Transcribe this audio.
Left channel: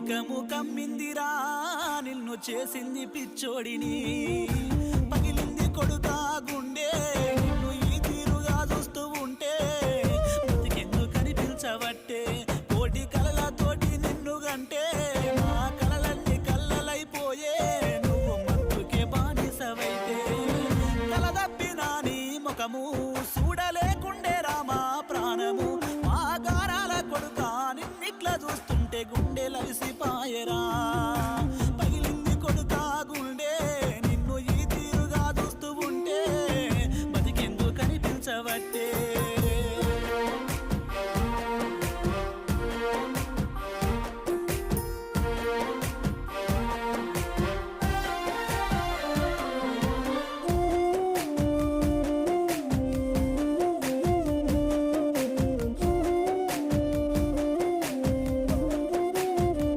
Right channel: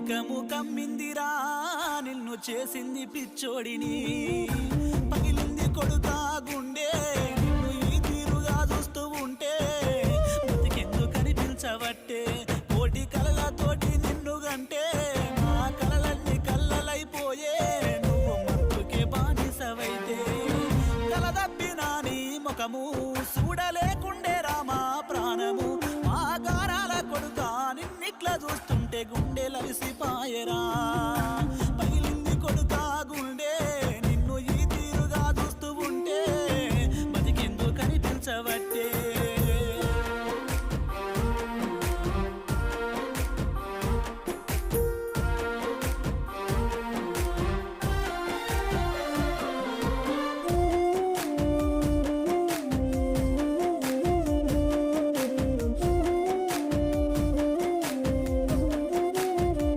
మైకము కమ్మిందిరా నిన్ను చేసింది పిచ్చోడిని పగిలింది కొడుకా గుండె నిన్ను ఈ తీరుగా చూస్తూ ఉంటే బతికెందుకని పిలిచవట్టే కోటి కలలతోటి నిన్ను గంటే మా కలలన్నీ కళ్ళలైపోయే నువ్వు మత్తుకే బానిసవైతే కలదప్పినా నీ ముఖము చూడలేకుండే రామా ప్రాణము మా గారాల కొడుకా నిన్నిట్లా చూస్తుంటే గుండె లవిసిపాయరా పగిలింది కొడుకా గుండె నిన్ను ఈ తీరుగా చూస్తూ ఉంటే బతికెందుకు కనిపించవట్టే